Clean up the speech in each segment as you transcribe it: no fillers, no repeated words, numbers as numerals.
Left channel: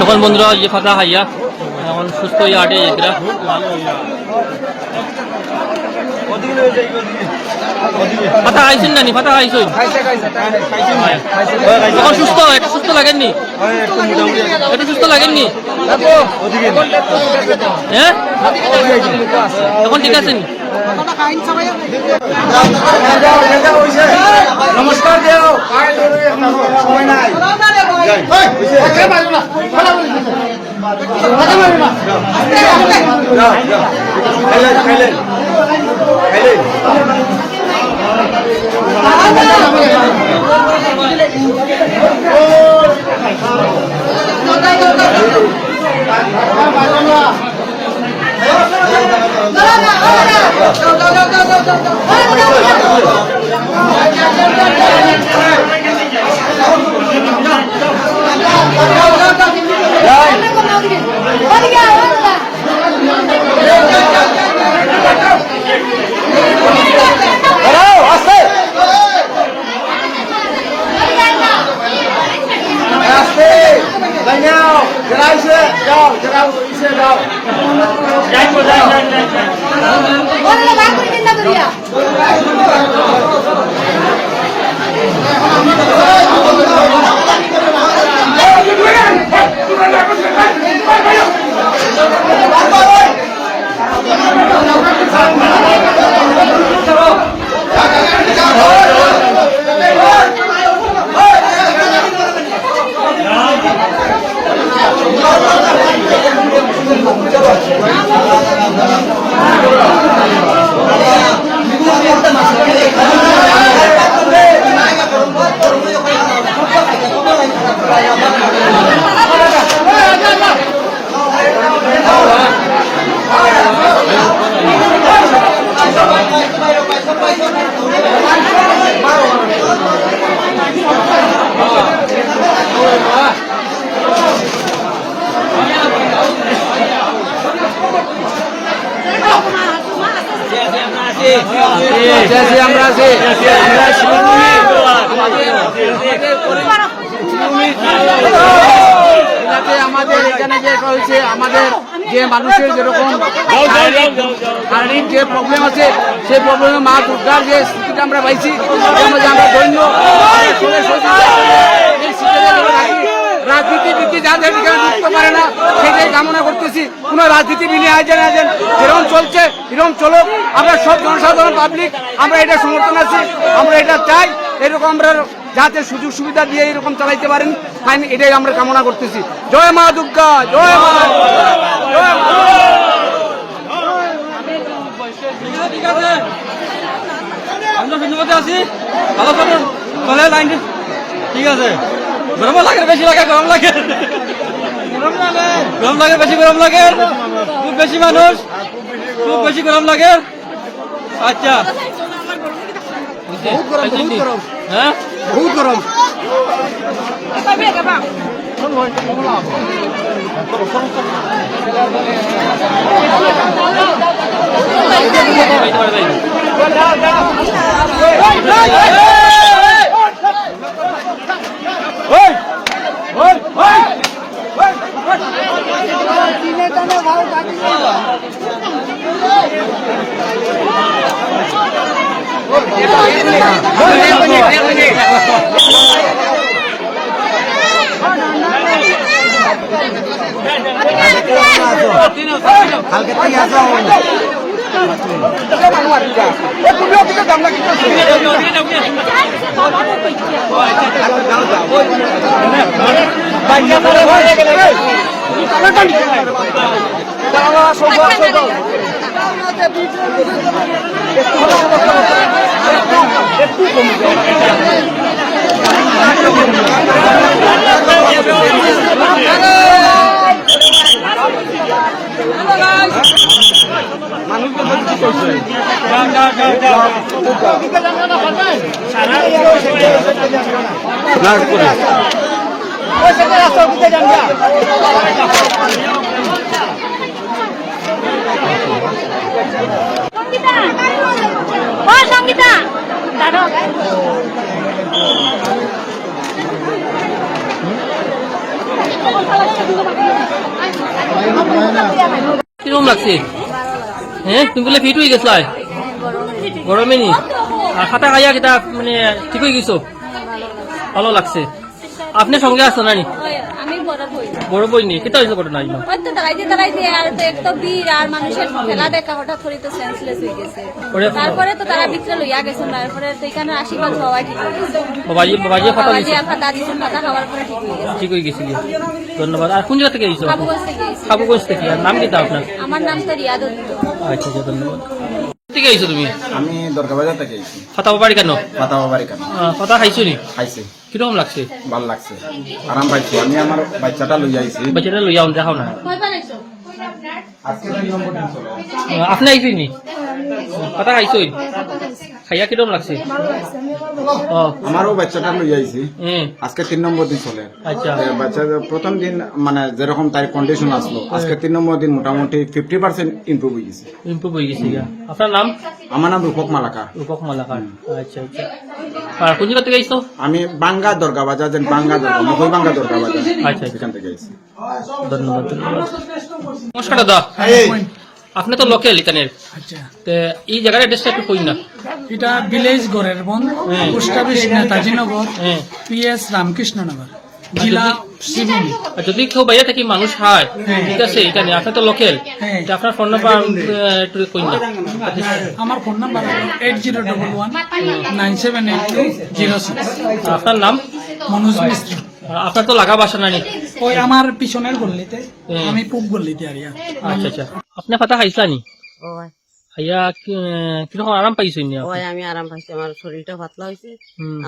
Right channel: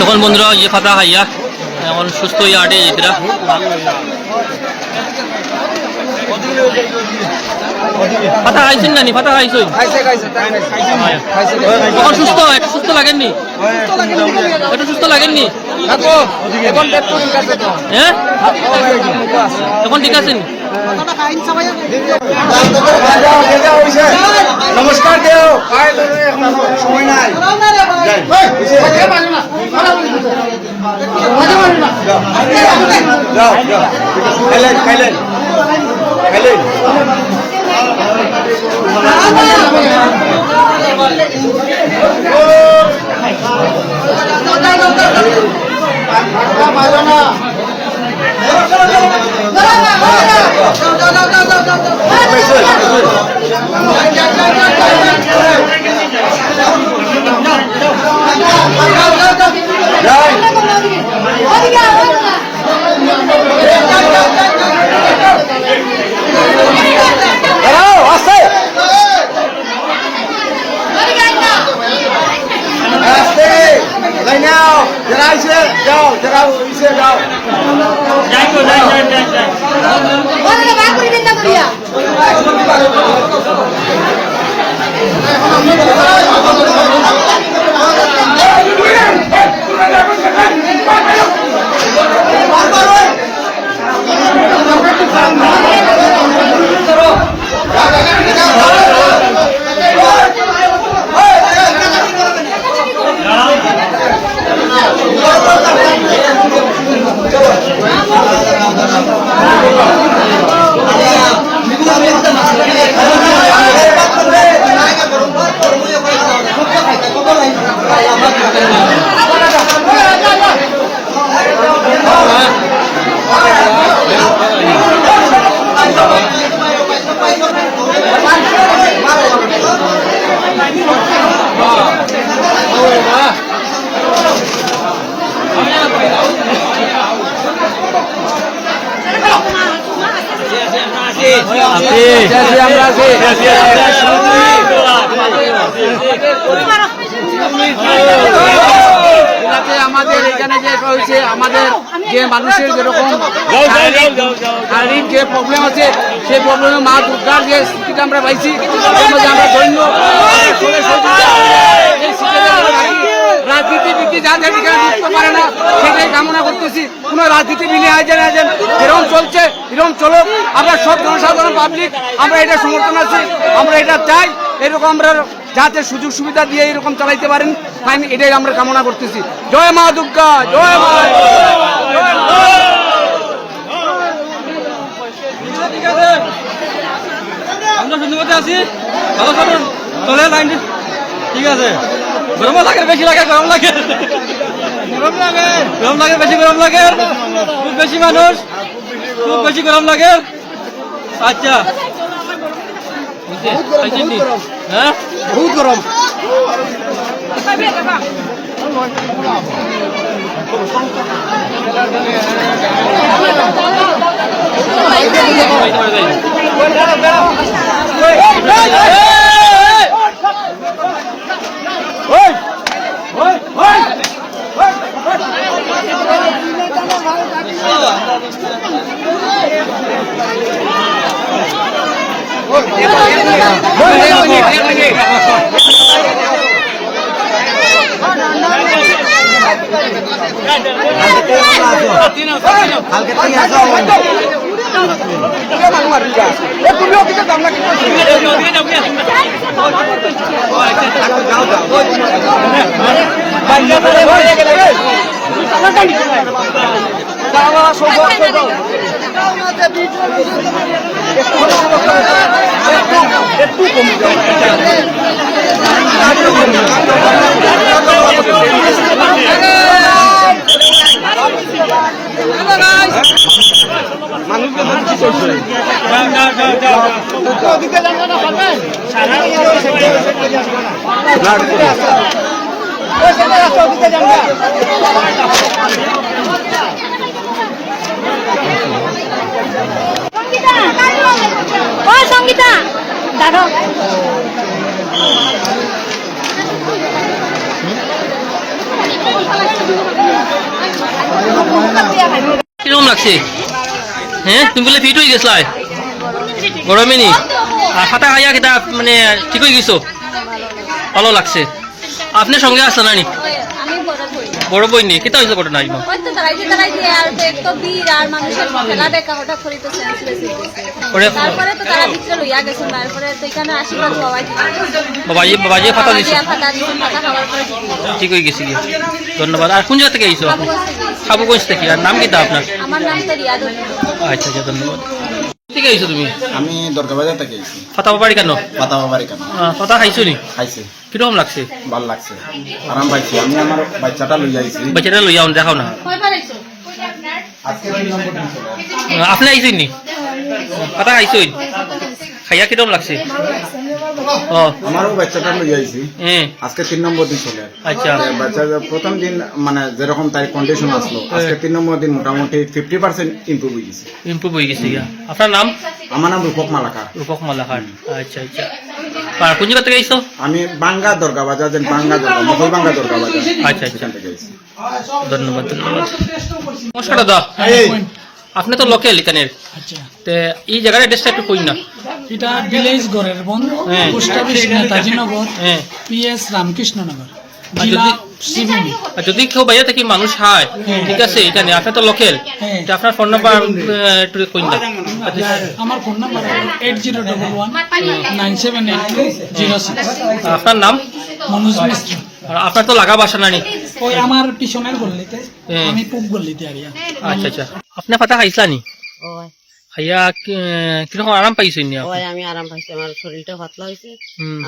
তখন বন্ধুরা ইয়ে ফাতা খাইয়া এখন সুস্থ হয়ে আটে যেতরা ফাতা খাইছেন নানি ফাতা খাইছেন তখন সুস্থ একটু সুস্থ লাগেননি একটু সুস্থ লাগেননি হ্যাঁ এখন ঠিক আছেন নমস্কার দেও সময় নাই আমরা আছি আমাদের এখানে যে হয়েছে আমাদের যে মানুষের যেরকম শারীরিক যে প্রবলেম আছে সেই প্রবলেমে মা দুর্গার যে স্থিতিটা আমরা পাইছি এর মধ্যে আমরা ধন্য রাজনীতি নীতি যাদের এখানে ঢুকতে পারে না সেটাই কামনা করতেছি কোন রাজনীতি বিনে আয়োজন যেরকম চলছে এরকম চলুক আমরা সব জনসাধারণ পাবলিক আমরা এটা সমর্থন আছি আমরা এটা চাই এরকম আমরা যাতে সুযোগ সুবিধা দিয়ে এরকম চালাইতে পারেন এটাই আমরা কামনা করতেছি জয় মা দুর্গা জয় মা আমরা শুনতে আছি ভালো চলুন চলে লাইন ঠিক আছে গরম লাগে বেশি লাগে গরম লাগে গরম লাগে বেশি গরম লাগে খুব বেশি মানুষ খুব বেশি গরম লাগে আচ্ছা হ্যাঁ বহুত গরম কালকে থেকে আসো তুমিও দিকে দাম না একটু কমে যাও কিরকম লাগছে হ্যাঁ তুমি বলে ফিট হয়ে গেছলাই গরমে নি আর খাতা খাইয়া কিতা মানে ঠিক হয়ে গেছো ভালো লাগছে আপনার সঙ্গে আসলো না নি বড় বই নি কেতা হয়েছে ঘটনা বাবাজি ফাটা দিছে ঠিক হয়ে গেছে ধন্যবাদ আর কোন জায়গা থেকে আইছো খাবুগঞ্জ থেকে আর নাম কিতা আপনার আচ্ছা আচ্ছা ধন্যবাদ থেকে আইছো তুমি আমি দরগাবাজার থেকে আইছি ফাটা বাড়ি কেন পাতাবা বাড়ি কেন ফাটা খাইছো নি খাইছি কিরকম লাগছে ভালো লাগছে আরাম পাইছি আমি আমার বাচ্চাটা লই আইছি বাচ্চাটা লইয়া দেখাও না আজকে 3 নম্বর দিন চলে আপনি আইছেন নি ফাটা খাইছোই খাইয়া কিরকম লাগছে ও আমারও বাচ্চাটা লই আইছি আজকে 3 নম্বর দিন চলে আচ্ছা বাচ্চা প্রথম দিন মানে যেরকম তার কন্ডিশন আসলো আজকে 3 নম্বর দিন মোটামুটি 50% ইমপ্রুভ হয়ে গেছে আপনার নাম আমার নাম রূপক মালাকার আচ্ছা আচ্ছা আর কোন জায়গা থেকে আইছো আমি বাঙ্গা দরগা বাজার বাঙ্গা দরগা মকল বাঙ্গা দরগা বাজার আচ্ছা এখান থেকে আইছি ধন্যবাদ ধন্যবাদ নমস্কার দাদা আপনি তো লোকাল এখানের আচ্ছা তে এই জায়গার অ্যাড্রেসটা একটু কই না এটা ভিলেজ গড়ের বন পোস্ট অফিস নেতাজিনগর হ্যাঁ পিএস রামকৃষ্ণনগর জেলা শ্রীভূমি আর যদি কেউ বাইরে থেকে মানুষ হয় ঠিক আছে এখানে আপনি তো লোকাল আপনার ফোন নাম্বার একটু কই না আমার ফোন নাম্বার 8011978206 আপনার নাম মনোজ মিশ্র আর আপনার তো লাগা বাসা নানি ওই আমার পিছনের গল্লিতে আমি পূব গল্লিতে আরিয়া আচ্ছা আচ্ছা আপনি ফাটা খাইছলা নি ওই খাইয়া কিরকম আরাম পাইছেন নি ওই আমি আরাম পাইছি আমার শরীরটা পাতলা হয়েছে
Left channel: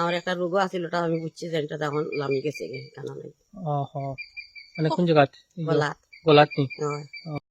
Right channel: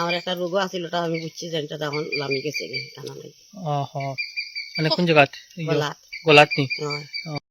আমার একটা রোগও আছিল ওটা আমি বুঝছি যে এটা তখন লামি গেছে কেন নাই মানে কোন জায়গা গলাত গলাত নি ওই